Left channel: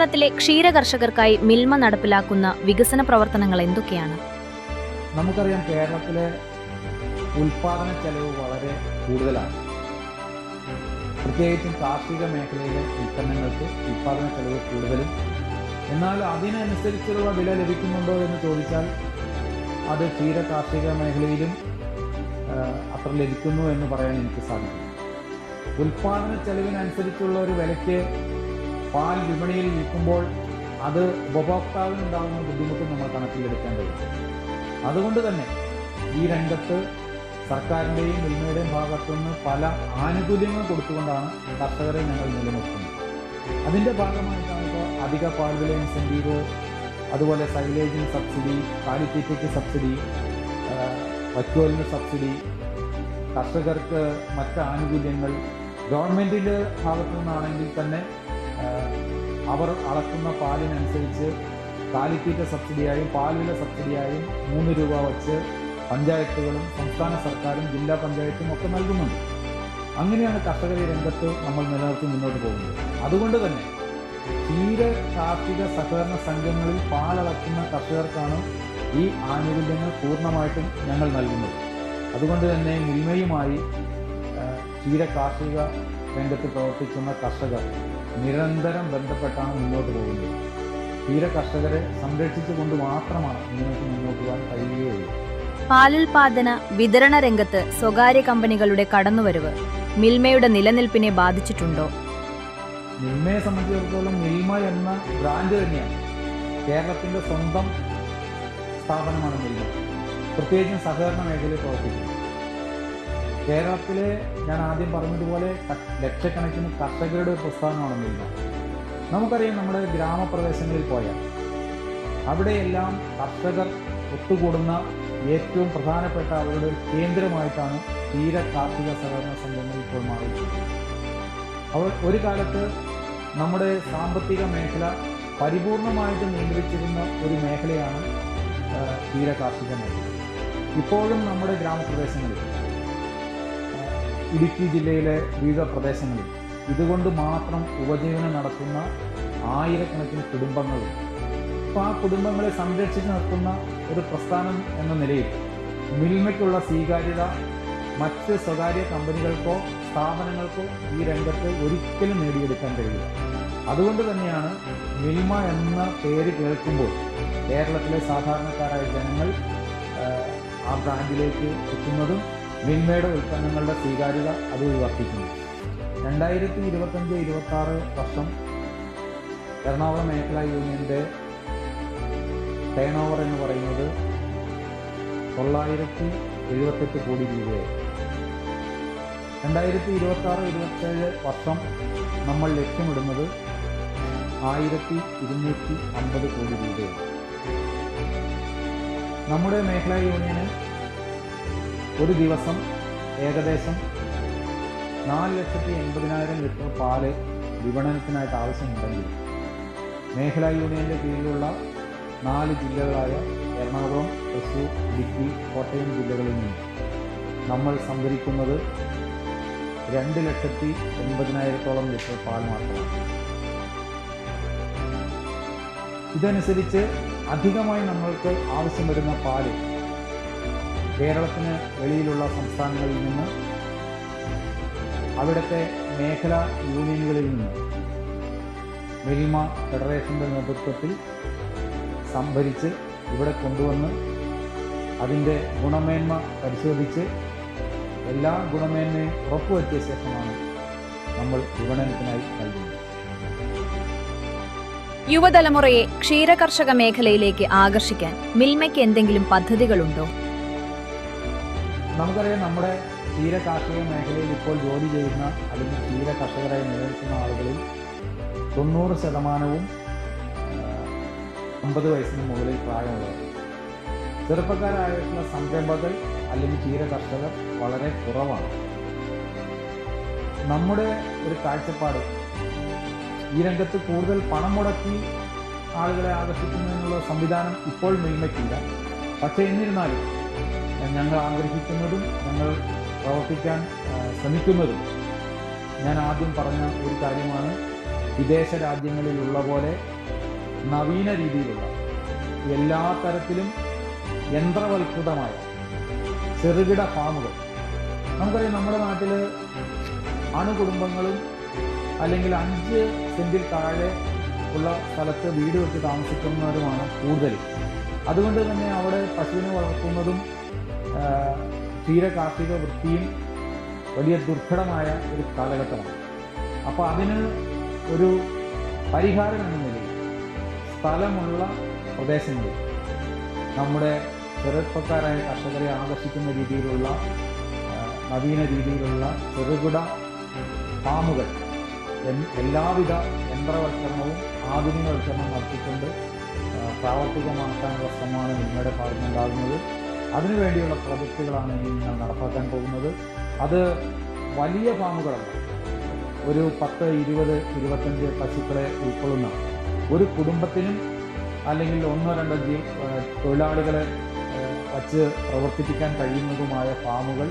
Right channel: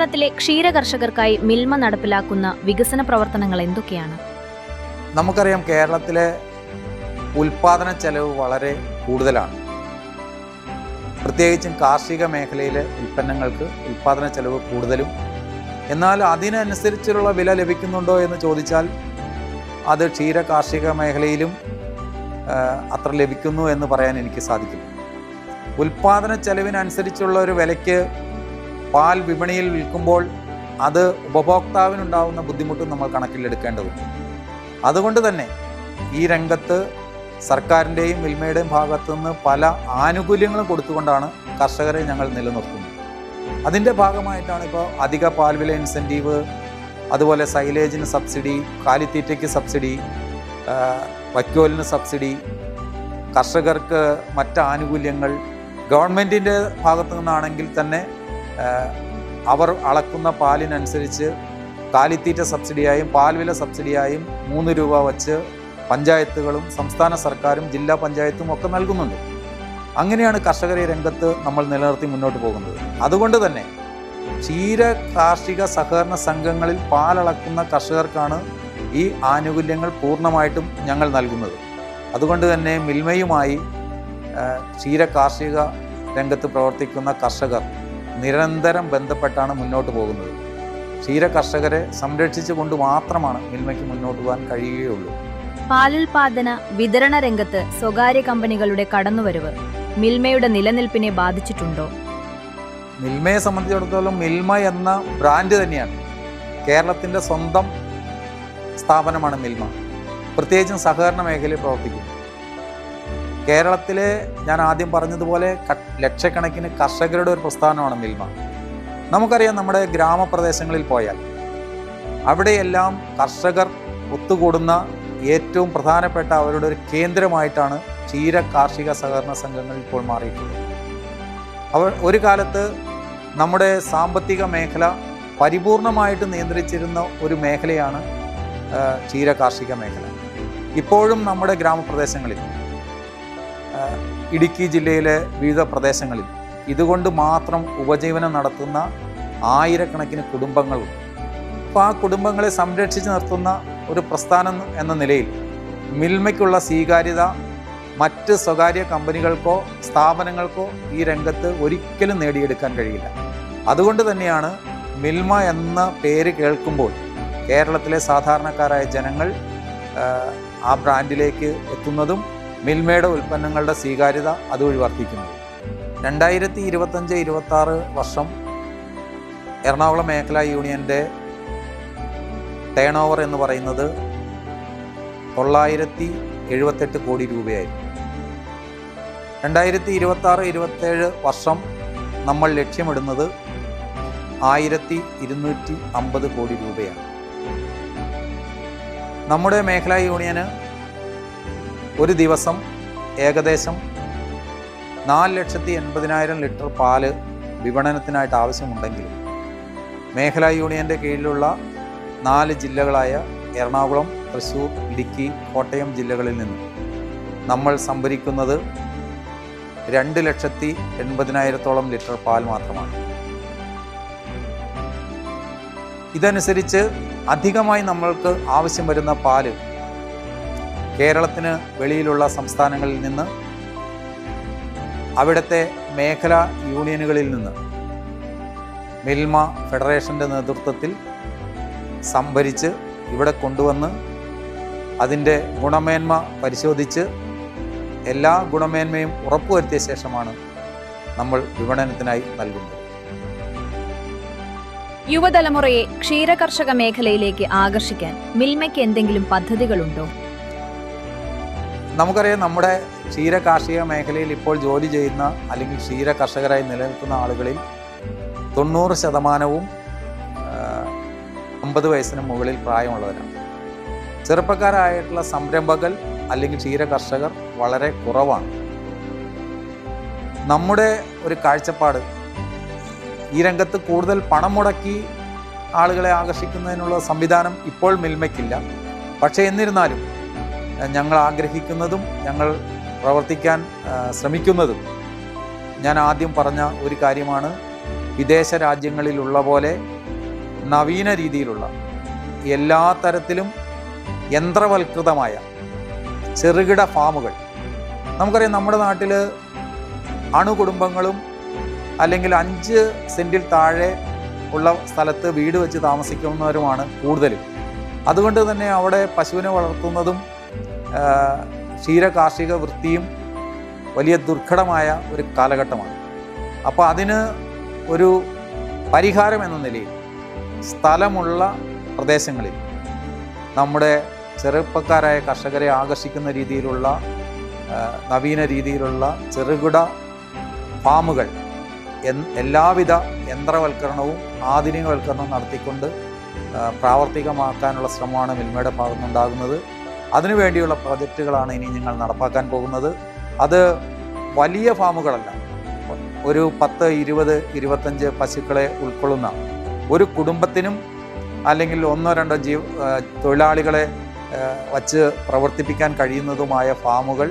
കേരളത്തിലെ ക്ഷീര കർഷകർക്കായി മിൽമ നടപ്പിലാക്കുന്ന വികസന പ്രവർത്തനങ്ങൾ എന്തൊക്കെയാണ്? നമുക്കറിയാം, കേരളത്തിലെ ഉൽപാദന ചെലവ് വളരെ കൂടുതലാണ്. പ്രത്യേകിച്ചും കാർഷിക മേഖലയിലെ ഉൽപ്പന്നങ്ങൾക്ക് ഉൽപാദന ചെലവ് കൂടുതലും, എന്നാൽ അതിനനുസരിച്ചുള്ള വില ലഭിക്കുന്നുണ്ടോ എന്ന് ചോദിച്ചാൽ അത് ക്ഷീര കാർഷിക മേഖലയിലും അത്ര ലഭിക്കുന്നു എന്ന് പറയാൻ എനിക്ക് സാധിക്കും. ഉൽപാദന ചെലവിനനുസരിച്ചുള്ള ഒരു വിലയ്ക്ക് പാൽ വിപണിയിൽ വിൽക്കുമ്പോൾ അത് ഉപഭോക്താവിനുണ്ടാകുന്ന ബുദ്ധിമുട്ടും നമ്മൾ കണക്കിലെടുക്കേണ്ടതുണ്ട്. അതുകൊണ്ട് തന്നെ ഈ രംഗത്ത് സർക്കാരിൻ്റെയും മിൽമയുടെയും ഭാഗത്തുനിന്ന് പല ആനുകൂല്യങ്ങളും കൊടുത്തുകൊണ്ടാണ് കർഷകരെ ഞങ്ങൾ നിലനിർത്തുന്നത്. അതിൻ്റെ ഭാഗമായിട്ടാണ് ഇപ്പോൾ അധിക പാൽവില ഇൻസെൻറ്റീവ്, അതുപോലെ സൈലേജിന് സബ്സിഡി, കാലിത്തീറ്റയ്ക്ക് സബ്സിഡി, വൈക്കോലിന് സബ്സിഡി, കർഷകർക്ക് മറ്റ് ആനുകൂല്യങ്ങൾ. ഗവൺമെൻറ്റിൻ്റെ ഭാഗത്തു നിന്നാണെങ്കിൽ തന്നെ അവർ അളക്കുന്ന പാലിനനുസരിച്ച് കാലിത്തീറ്റ സബ്സിഡിയായും പാൽവില സബ്സിഡിയായും 3 രൂപ വച്ച് പഞ്ചായത്തുകളും സംസ്ഥാന സർക്കാരും ജില്ലാ പഞ്ചായത്തും ഒക്കെ നൽകുന്നുണ്ട്. അങ്ങനെയാണ് കർഷകരെ രംഗത്ത് നമ്മൾ നിലനിർത്തി മുന്നോട്ട് പോകുന്നത്. അതുകൊണ്ട് തന്നെ ക്ഷീര കാർഷിക സഹകരണ സംഘങ്ങളിൽ പാലളക്കുന്ന കർഷകർക്കാണ് ഈ ആനുകൂല്യങ്ങൾ പൂർണ്ണമായിട്ടും ഞങ്ങൾ നൽകുന്നത്. അതുകൊണ്ട് തന്നെ മിൽമയുമായി ക്ഷീര കാർഷിക രംഗത്ത് പ്രവർത്തിക്കുന്ന കർഷകർ നിരന്തരം ബന്ധപ്പെട്ടാണ് മുന്നോട്ട് പോകുന്നത്. ക്ഷീര കർഷകരെ സംരക്ഷിച്ചു കൊണ്ട് മാത്രമാണ് മിൽമയ്ക്ക് മുന്നോട്ട് പോകാൻ കഴിയുകയുള്ളൂ. പാലുൽപാദന വിതരണ രംഗത്ത് സ്വകാര്യ കമ്പനികളുടെ കടന്നുവരവ് മിൽമയുടെ നിലനിൽപ്പിനെ ബാധിച്ചിട്ടുണ്ടോ? മിൽമയെ സംബന്ധിച്ചിടത്തോളം മിൽമ എന്ന ബ്രാൻഡ് തന്നെയാണ്. കേരളത്തിൻ്റെ സ്വന്തം സ്ഥാപനമാണ് മിൽമ. പ്രത്യേകിച്ചും സഹകരണ മേഖലയിൽ പ്രവർത്തിക്കുന്നു. കേരളത്തിലെ ഞാൻ ആദ്യം പറഞ്ഞതുപോലെ ലക്ഷക്കണക്കിന് കർഷകരുടെ ഒരു പ്രസ്ഥാനമാണ് മിൽമ. നമുക്കറിയാം, നമ്മുടെ ഗ്രാമപ്രദേശങ്ങളിൽ പോയാൽ അവിടെയെല്ലാം കർഷകർ ഒത്തുകൂടുന്ന ഏറ്റവും പ്രധാനപ്പെട്ട അവരുടെ ഒരു കേന്ദ്രമായിട്ടാണ് ക്ഷീര കാർഷിക സഹകരണ സംഘങ്ങൾ ഇപ്പോൾ മാറിയിട്ടുള്ളത്. ഒരു കാലത്ത് നമ്മുടെ സാമ്പത്തിക മേഖല പരിപൂർണമായിട്ട് നിയന്ത്രിച്ചിരുന്ന ഒരു മേഖലയാണ് ക്ഷീര കാർഷിക മേഖല. ഇപ്പോഴും നമ്മുടെ ഗ്രാമപ്രദേശങ്ങളിൽ, ഇടുക്കി ജില്ലയിലെ വിവിധ പ്രദേശങ്ങളിൽ ഇതുകൊണ്ട് മാത്രം ഉപജീവനം നടത്തുന്ന ആയിരക്കണക്കിന് കുടുംബങ്ങളുണ്ട്. അപ്പോൾ ആ കുടുംബങ്ങളെ സംരക്ഷിച്ച് നിർത്തുന്ന ഒരു പ്രസ്ഥാനം എന്ന നിലയിൽ മിൽമയ്ക്കുള്ള സ്വീകാര്യത മറ്റ് സ്വകാര്യ കമ്പനികൾക്കോ സ്ഥാപനങ്ങൾക്കോ ഈ രംഗത്ത് ഒരിക്കലും നേടിയെടുക്കാൻ കഴിയില്ല. അതുകൊണ്ട് തന്നെയാണ് മിൽമ എന്ന പേര് കേൾക്കുമ്പോൾ കേരളത്തിലെ സാധാരണക്കാരായ ജനങ്ങൾ ആ ബ്രാൻഡിലേക്ക് എത്തുന്നതും മിൽമയുടെ ഉൽപ്പന്നങ്ങളുടെ സ്വീകാര്യത അതുവഴി വർദ്ധിക്കുന്നു. 2025-26 വർഷം എറണാകുളം മേഖലാ യൂണിയൻ്റെ ടേൺ ഓവർ എന്ന് പറയുന്നത് 978 കോടി രൂപയായിരുന്നു. 2026-27 വർഷം നമ്മൾ ലക്ഷ്യമിടുന്നത് 1250 കോടി രൂപയാണ്. നമ്മുടെ മേഖലാ യൂണിയന് ഒരു ദിവസം ഏകദേശം 4,80,000 ലിറ്റർ പാല് വിപണനത്തിനായിട്ട് ആവശ്യമുണ്ടെങ്കിലും മേഖലാ യൂണിയൻ്റെ കീഴിലുള്ള 4 ജില്ലകളായ എറണാകുളം, തൃശ്ശൂർ, ഇടുക്കി, കോട്ടയം ജില്ലകളിൽ നിന്ന് നമ്മൾ സംഭരിക്കുന്നത് 2,80,000 ലിറ്റർ പാൽ മാത്രമാണ്. ഇതനുസരിച്ച് അധികമായി നമ്മൾക്ക് ആവശ്യം വരുന്ന പാല് കേരളത്തിന് വെളിയിലുള്ള സംസ്ഥാനങ്ങളിൽ നിന്ന്, അവിടുത്തെ മേഖലാ യൂണിയനുകളിൽ നിന്ന് മിൽമ ഫെഡറേഷൻ്റെ നേതൃത്വത്തിൽ സംഭരിച്ച് ഇവിടെ കൊണ്ടുവന്ന് അതിൻ്റെ ഗുണമേന്മ പരിശോധിച്ച് എല്ലാ ഗുണമേന്മയും ഉറപ്പുവരുത്തിയ ശേഷമാണ് നമ്മൾ വിപണനത്തിനായി നൽകുന്നത്. യുവതലമുറയെ ക്ഷീരകർഷക മേഖലയിലേക്ക് ആകർഷിക്കാൻ മിൽമയ്ക്ക് എന്തെങ്കിലും പദ്ധതികളുണ്ടോ? നമുക്കറിയാം, നമ്മുടെ ക്ഷീര കാർഷിക മേഖലയിൽ ഇപ്പോൾ ജോലി ചെയ്യുന്ന അല്ലെങ്കിൽ ക്ഷീര കർഷകരായി നിലനിൽക്കുന്ന ആളുകളിൽ 90% 50 വയസ്സിന് മുകളിൽ പ്രായമുള്ളവരാണ്. ചെറുപ്പക്കാരായിട്ടുള്ള സംരംഭകർ അല്ലെങ്കിൽ ക്ഷീര കർഷകർ വളരെ കുറവാണ്. നമ്മുടെ ഒരു കാഴ്ചപ്പാട്, ഈ രംഗത്ത് കൂടുതൽ പണം മുടക്കി ആളുകളെ ആകർഷിക്കുന്നതിനുള്ള സംവിധാനം ഇപ്പോൾ മിൽമയ്ക്കില്ല. പക്ഷേ എന്നിരുന്നാലും ഞങ്ങൾ ആഗ്രഹിക്കുന്നതും ഞങ്ങൾ പ്രവർത്തിക്കാൻ ശ്രമിക്കുന്നതും ഞാൻ ആദ്യം പറഞ്ഞ ഒരു കാര്യമാണ്. വിദേശ രാജ്യങ്ങളിലുള്ള പോലെ നവീന രീതിയിലുള്ള എല്ലാ തരത്തിലും യന്ത്രവൽകൃതമായ ചെറുകിട ഫാമുകൾ. നമുക്കറിയാം, നമ്മുടെ നാട്ടിൽ അണുകുടുംബങ്ങളും അല്ലെങ്കിൽ 5 സെൻറ്റിൽ താഴെ ഉള്ള സ്ഥലത്ത് വീട് വെച്ച് താമസിക്കുന്നവരുമാണ് കൂടുതലും. അതുകൊണ്ട് തന്നെ അവിടെ പശുവിനെ വളർത്തുന്നതും ക്ഷീര കാർഷിക വൃത്തിയും വലിയ ദുർഘടമായ ഒരു കാലഘട്ടമാണ്. അപ്പോൾ അതിന് ഒരു പരിഹാരം എന്ന നിലയിൽ സ്ഥലമുള്ള പ്രദേശങ്ങളിൽ നമ്മുടെ ചെറുപ്പക്കാരായ കർഷകരെ ആകർഷിക്കുന്ന രീതിയിലുള്ള നവീന രീതിയിലുള്ള ചെറുകിട ഫാമുകൾ എല്ലാവിധ യന്ത്രവൽക്കരണവും ആധുനികവൽക്കരണവും നടത്തിക്കൊണ്ട് പ്രാവർത്തികമാക്കാനുള്ള ശ്രമമാണ് മിൽമയുടെ ഭാഗത്തുനിന്നുണ്ടാകുന്നത്. അതിനുവേണ്ടിയുള്ള പ്രോജക്റ്റുകളാണ് ഇനി ഞങ്ങൾ നടപ്പാക്കാൻ പോകുന്നത്. അത് വലിയ ഫാമുകളല്ല, ഒരു 10, 20, 25 പശുക്കളെ ഉൾക്കൊള്ളുന്ന ഒരു കുടുംബത്തിനും അല്ലെങ്കിൽ 1-2 തൊഴിലാളികളെ വച്ച് പ്രവർത്തിപ്പിക്കാൻ കഴിയുന്നതുമായ ഫാമുകൾ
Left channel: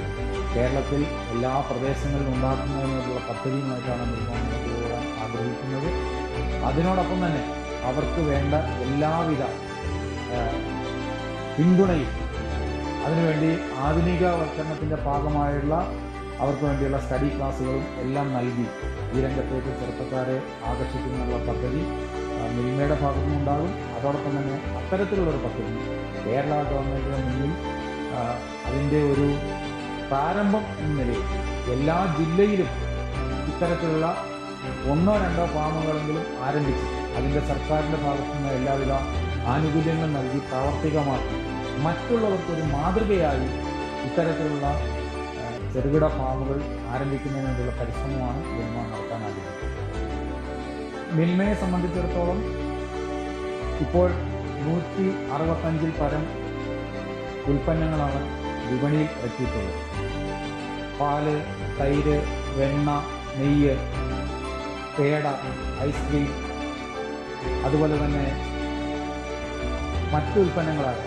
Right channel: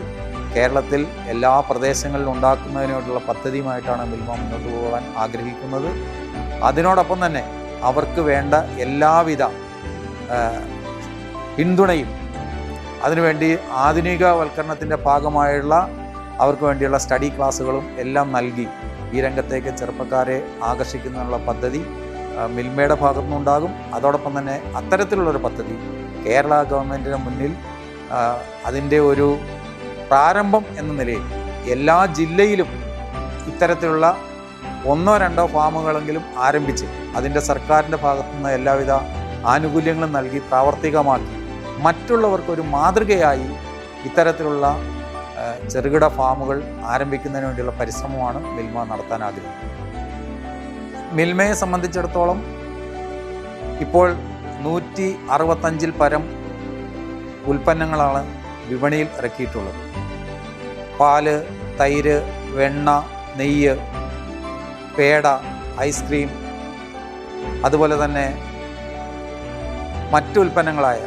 കേരളത്തിൽ എല്ലാ പ്രദേശങ്ങളിലും ഉണ്ടാക്കുന്നതിനുള്ള പദ്ധതിയുമായിട്ടാണ് മിൽമ മുന്നോട്ട് പോകാൻ ആഗ്രഹിക്കുന്നത്. അതിനോടൊപ്പം തന്നെ അവർക്ക് വേണ്ട എല്ലാവിധ പിന്തുണയും അതിനുവേണ്ടി ആധുനികവൽക്കരണത്തിൻ്റെ ഭാഗമായുള്ള അവർക്ക് വേണ്ടിയുള്ള സ്റ്റഡി ക്ലാസ്സുകളും എല്ലാം നൽകി ഈ രംഗത്തേക്ക് ചെറുപ്പക്കാരെ ആകർഷിക്കുന്നതിനുള്ള പദ്ധതി മിൽമയുടെ ഭാഗത്തുനിന്നുണ്ടാകും. അതോടൊപ്പം തന്നെ അത്തരത്തിലുള്ളൊരു പദ്ധതി കേരള ഗവൺമെൻറ്റിന് മുന്നിൽ അതിൻ്റെ ഒരു പ്രാരംഭം എന്ന നിലയിൽ എല്ലാ ജില്ലയിലും ഇത്തരത്തിലുള്ള 1-2 ഫാമുകളെങ്കിലും ആരംഭിച്ച് അതിൻ്റെ സർക്കാരിൻ്റെ ഭാഗത്തുനിന്ന് എല്ലാവിധ ആനുകൂല്യങ്ങളും നൽകി പ്രാവർത്തികമാക്കി മറ്റുള്ളവർക്കൊരു മാതൃകയായി ഇത്തരത്തിലുള്ള ചെറുകിട ഫാമുകൾ ആരംഭിക്കുന്നതിന് വേണ്ടിയുള്ള പരിശ്രമമാണ് മിൽമ നടത്താൻ ആഗ്രഹിക്കുന്നത്. മിൽമയെ സംബന്ധിച്ചിടത്തോളം ഇപ്പോൾ 165-ൽ പരം ഉൽപ്പന്നങ്ങളാണ് വിപണിയിൽ ഇറക്കിയിട്ടുള്ളത്. പാല്, തൈര്, വെണ്ണ, നെയ്യ്, പേട, ഐസ്ക്രീം, അതുപോലെ തന്നെ മറ്റു ഉൽപ്പന്നങ്ങളായ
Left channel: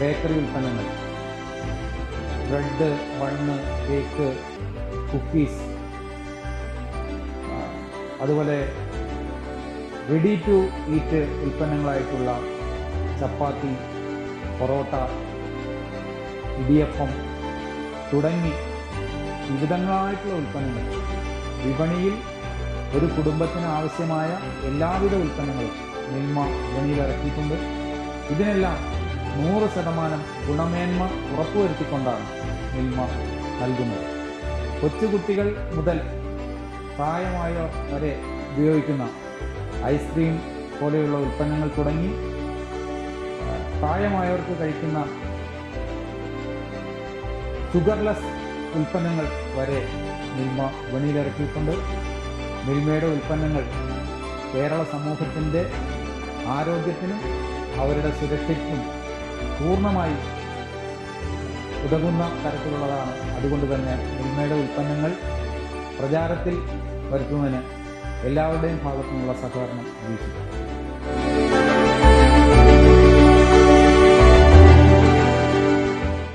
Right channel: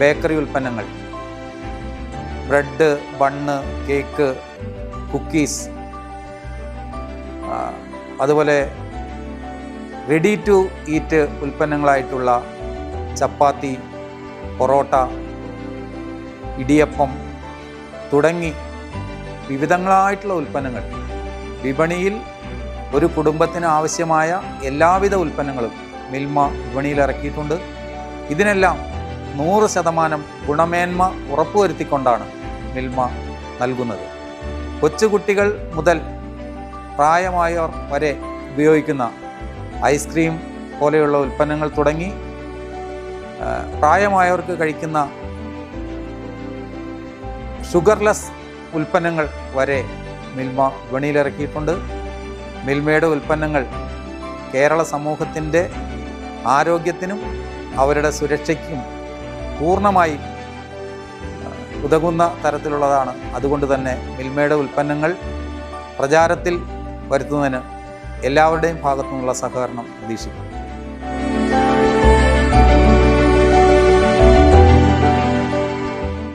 ബേക്കറി ഉൽപ്പന്നങ്ങൾ, ബ്രെഡ്, ബണ്ണ്, കേക്ക്, കുക്കീസ്, അതുപോലെ റെഡി ടു ഈറ്റ് ഉൽപ്പന്നങ്ങളായിട്ടുള്ള ചപ്പാത്തി, പൊറോട്ട, ഇടിയപ്പം തുടങ്ങി വിവിധങ്ങളായിട്ടുള്ള ഉൽപ്പന്നങ്ങൾ വിപണിയിൽ ഒരു കുടുംബത്തിന് ആവശ്യമായ എല്ലാവിധ ഉൽപ്പന്നങ്ങളും മിൽമ വിപണിയിൽ ഇറക്കിയിട്ടുണ്ട്. ഇതിനെല്ലാം 100% ഗുണമേന്മ ഉറപ്പുവരുത്തിക്കൊണ്ടാണ് മിൽമ നൽകുന്നത്. കൊച്ചുകുട്ടികൾ മുതൽ പ്രായമായവർ വരെ ഉപയോഗിക്കുന്ന ഐസ്ക്രീം പോലെയുള്ള ഉൽപ്പന്നങ്ങൾ തുടങ്ങി പ്രായമായവർക്ക് കഴിക്കുന്ന ഷുഗർലെസ് ഉൽപ്പന്നങ്ങൾ വരെ മിൽമ വിപണിയിലിറക്കിയിട്ടുണ്ട്. മിൽമയുടെ ഉൽപ്പന്നങ്ങൾ കേരള സമൂഹത്തിൻ്റെ ആരോഗ്യത്തിനും അവരുടെ സുരക്ഷയ്ക്കും പൂർണ്ണമായി ഉതകുന്ന തരത്തിലുള്ളതാണ്. അതുകൊണ്ട് തന്നെ മിൽമയുടെ ഉൽപ്പന്നങ്ങൾ പ്രചാരത്തിൽ വരുത്തുന്നതിന് എല്ലാവരുടെയും ഭാഗത്തു നിന്നുള്ള സഹകരണം പ്രതീക്ഷിക്കുന്നു.